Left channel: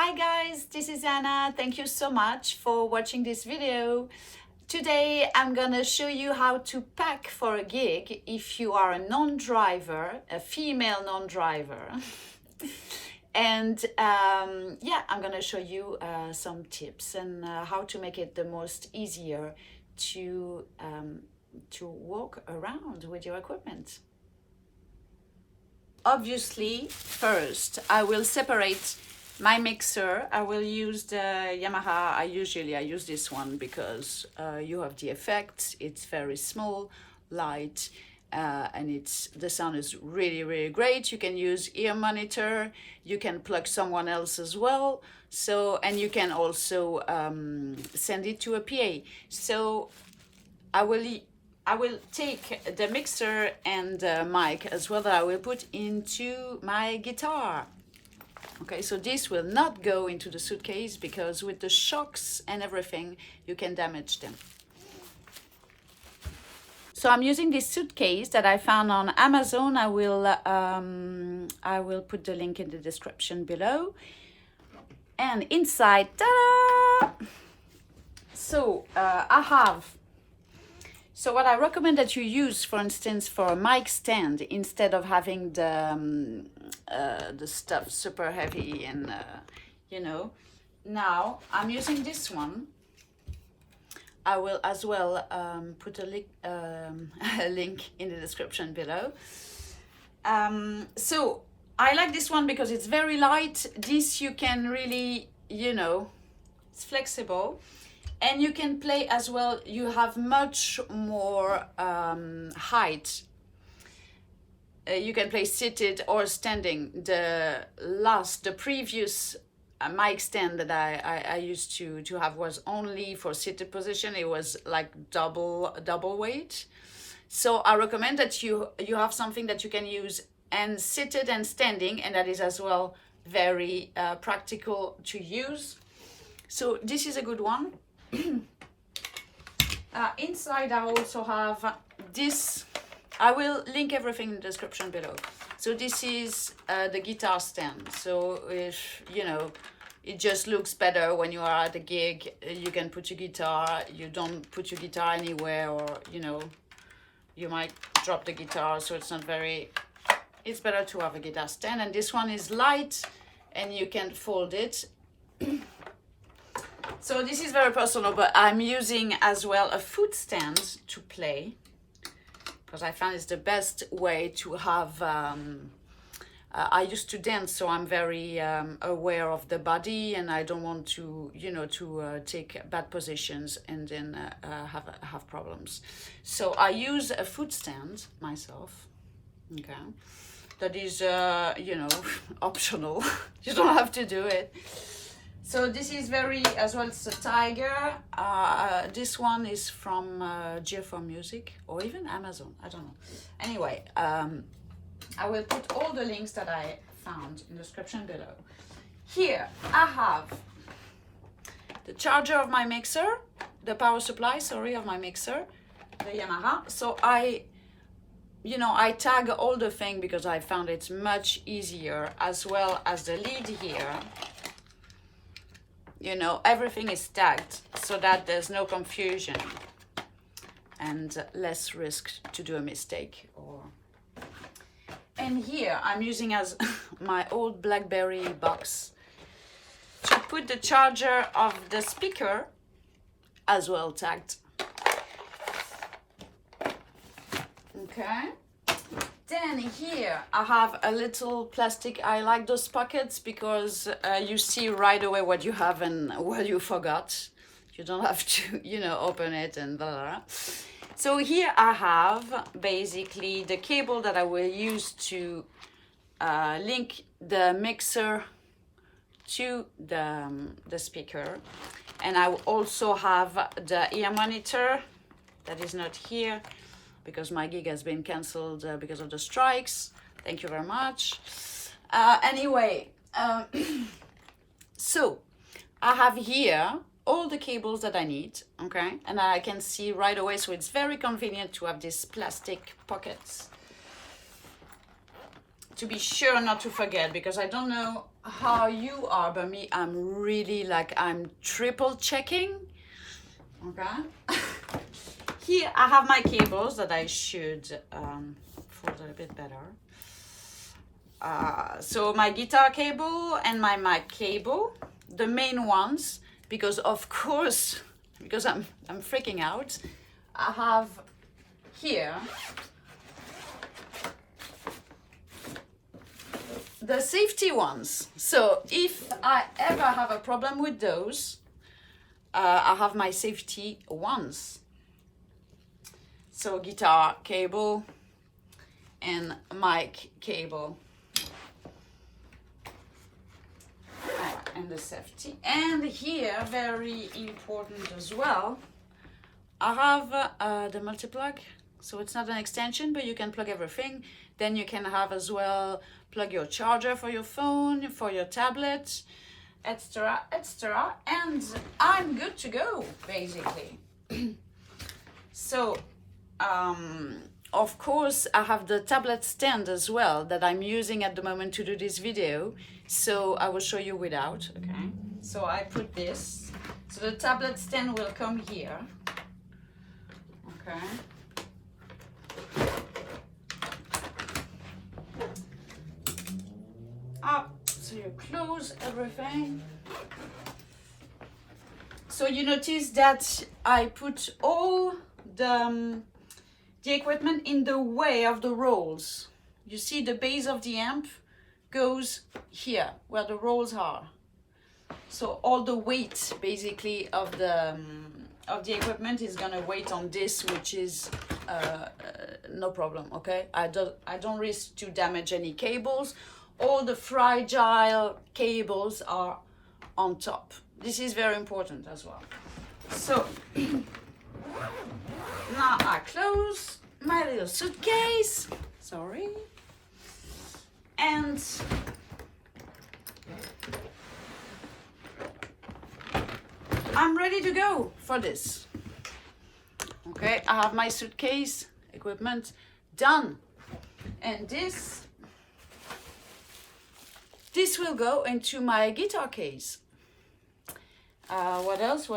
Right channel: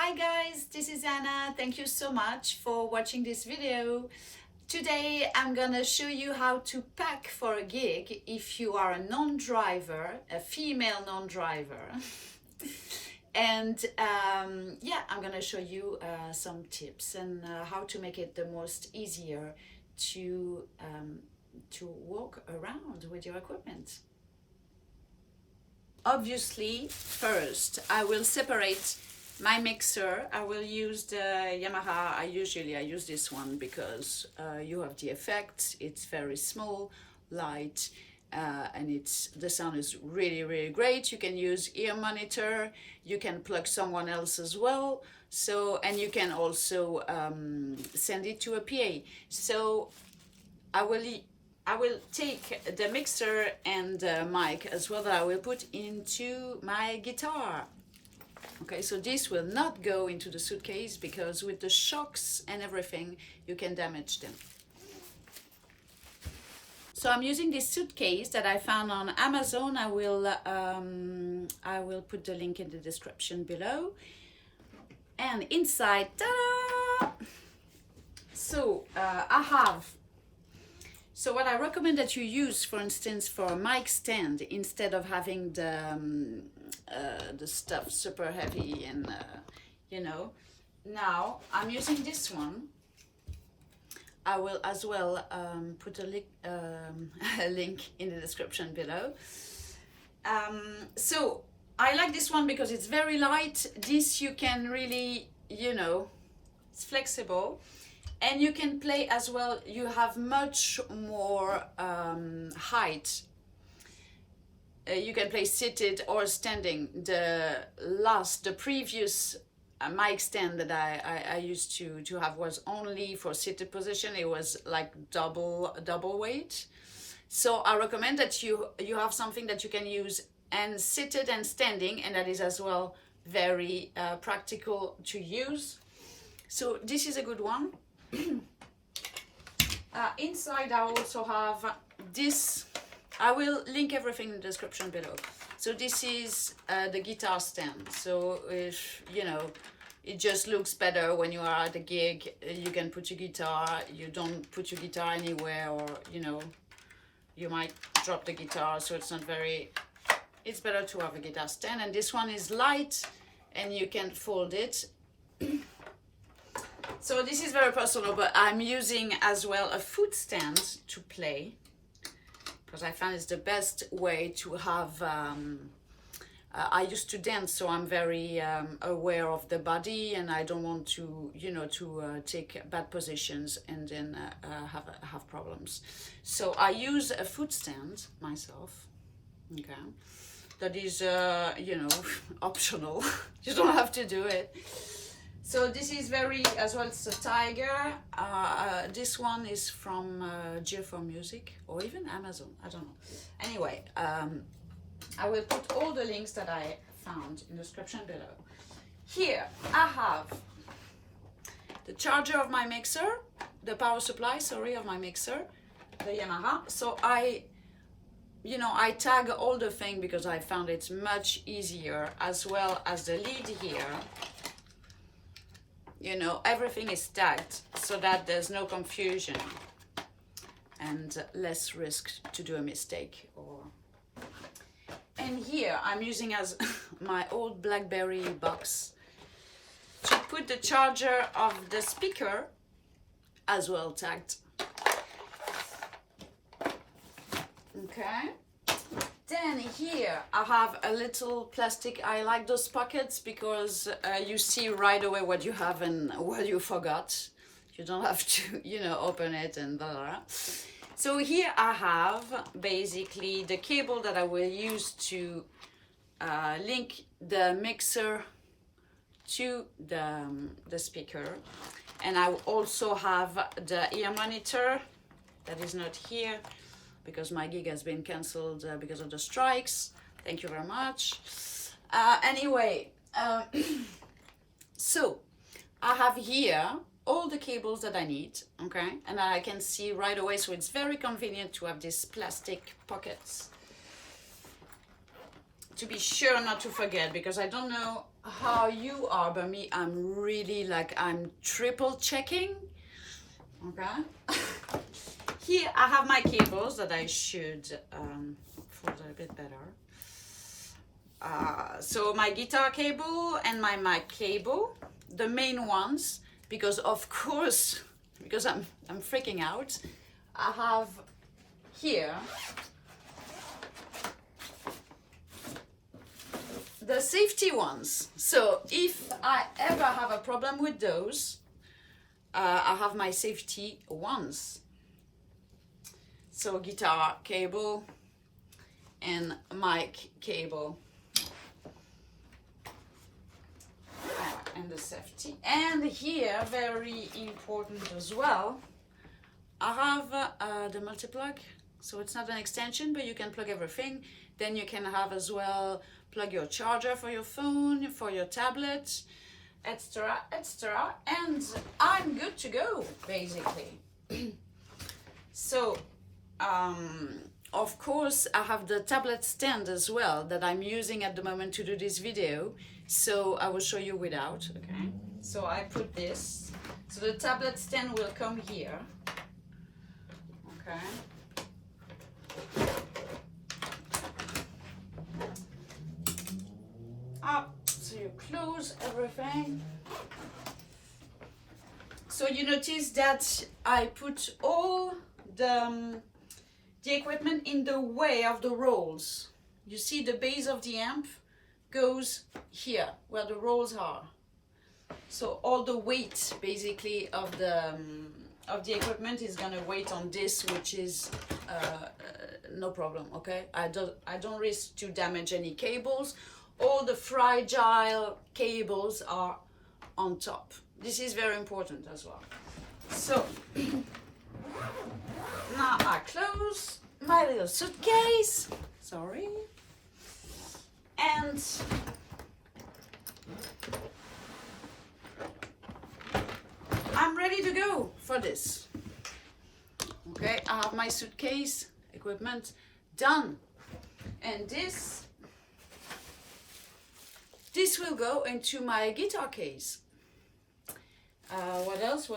Hi guys, this is Anna. Thank you so much for watching this video. Today I'm gonna show you how to pack for a gig if you are a non-driver, a female non-driver. And yeah, I'm gonna show you some tips and how to make it the most easier to walk around with your equipment. Obviously, first I will separate my mixer. I will use the Yamaha. I use this one because you have the effects. It's very small, light, and the sound is really great. You can use ear monitor. You can plug someone else as well. So, and you can also send it to a PA. So I will take the mixer and the mic as well that I will put into my guitar. Okay, so this will not go into the suitcase because with the shocks and everything, you can damage them. So I'm using this suitcase that I found on Amazon. I will put the link in the description below. And inside, ta-da! So So what I recommend that you use, for instance, for a mic stand, instead of having the stuff super heavy and, you know, now I'm using this one. I will as well put a link in the description below. So I like this one because it's very light. This you can really, you know, it's flexible. And you can play as well. You have much more height. You can play seated or standing. The previous mic stand that I used to have was only for seated position. It was like double weight. So I recommend that you have something that you can use and seated and standing, and that is as well very practical to use. So this is a good one. Inside I also have this. I will link everything in the description below. So this is the guitar stand. So if you know, it just looks better when you are at a gig. You can put your guitar. You don't put your guitar anywhere, or you know, you might drop the guitar. So it's not very. It's better to have a guitar stand. And this one is light, and you can fold it. So this is very personal, but I'm using as well a foot stand to play because I found it's the best way to have. I used to dance, so I'm very aware of the body, and I don't want to, you know, to take bad positions and then have problems. So I use a foot stand myself. Okay, that is, you know, optional. You don't have to do it. So this is very, as well, it's a Tiger. This one is from G4 Music or even Amazon, I don't know. Anyway, I will put all the links that I found in the description below. Here I have the charger of my mixer, the power supply, sorry, of my mixer, the Yamaha. So I tag all the thing because I found it's much easier, as well as the lead here. You know, everything is tagged so that there's no confusion and less risk to do a mistake. And here I'm using as my old BlackBerry box to put the charger of the speaker, as well tagged. Okay. Then here I have a little plastic. I like those pockets because you see right away what you have and what you forgot. You don't have to, you know, open it and blah, blah. So here I have basically the cable that I will use to link the mixer to the speaker. And I will also have the ear monitor that is not here, because my gig has been cancelled because of the strikes. Thank you very much. Anyway, so I have here all the cables that I need, okay? And I can see right away, so it's very convenient to have these plastic pockets to be sure not to forget, because I don't know how you are, but me, I'm really like, I'm triple checking. Okay. Here I have my cables that I should fold a bit better. So my guitar cable and my mic cable, the main ones, because of course, because I'm freaking out, I have here the safety ones. So if I ever have a problem with those, I have my safety ones. So guitar cable and mic cable. And the safety. And here, very important as well, I have the multi-plug. So it's not an extension, but you can plug everything. Then you can have as well, plug your charger for your phone, for your tablet, etc., etc. And I'm good to go, basically. So, of course, I have the tablet stand as well that I'm using at the moment to do this video. So I will show you without, okay? So I put this. So the tablet stand will come here, okay? Up, so you close everything. So you notice that I put all the equipment in the way of the rolls. You see the base of the amp goes here where the rolls are. So all the weight basically of the equipment is gonna weight on this, which is no problem, okay? I don't risk to damage any cables. All the fragile cables are on top. This is very important as well. So now I close my little suitcase, sorry, and I'm ready to go for this. Okay, I have my suitcase, equipment done, and this will go into my guitar case. What else?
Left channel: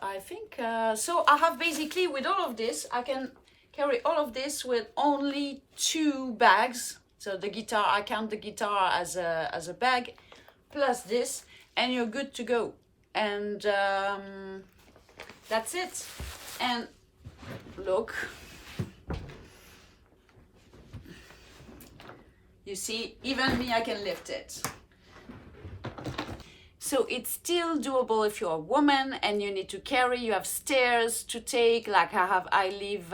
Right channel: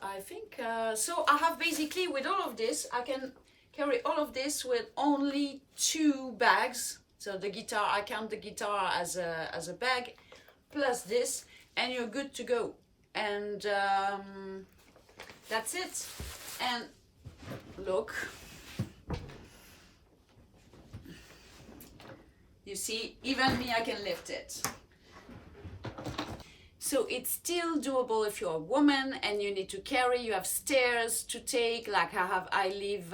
I think, so I have basically, with all of this, I can carry all of this with only 2 bags. So the guitar, I count the guitar as a bag, plus this, and you're good to go. And that's it. And look, you see, even me, I can lift it. So it's still doable if you're a woman and you need to carry, you have stairs to take, like I live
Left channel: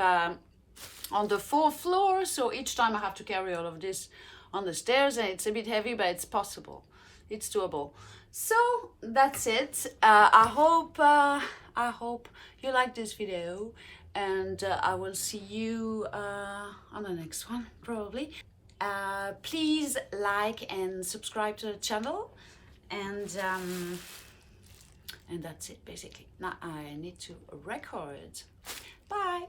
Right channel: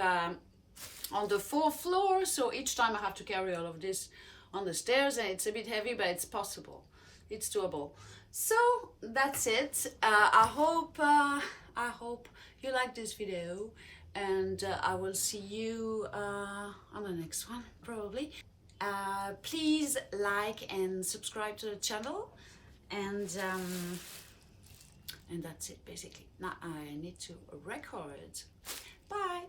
on the 4th floor, so each time I have to carry all of this on the stairs, and it's a bit heavy, but it's possible, it's doable. So that's it. I hope you like this video, and I will see you on the next one, probably. Please like and subscribe to the channel. And that's it basically. Now I need to record. Bye.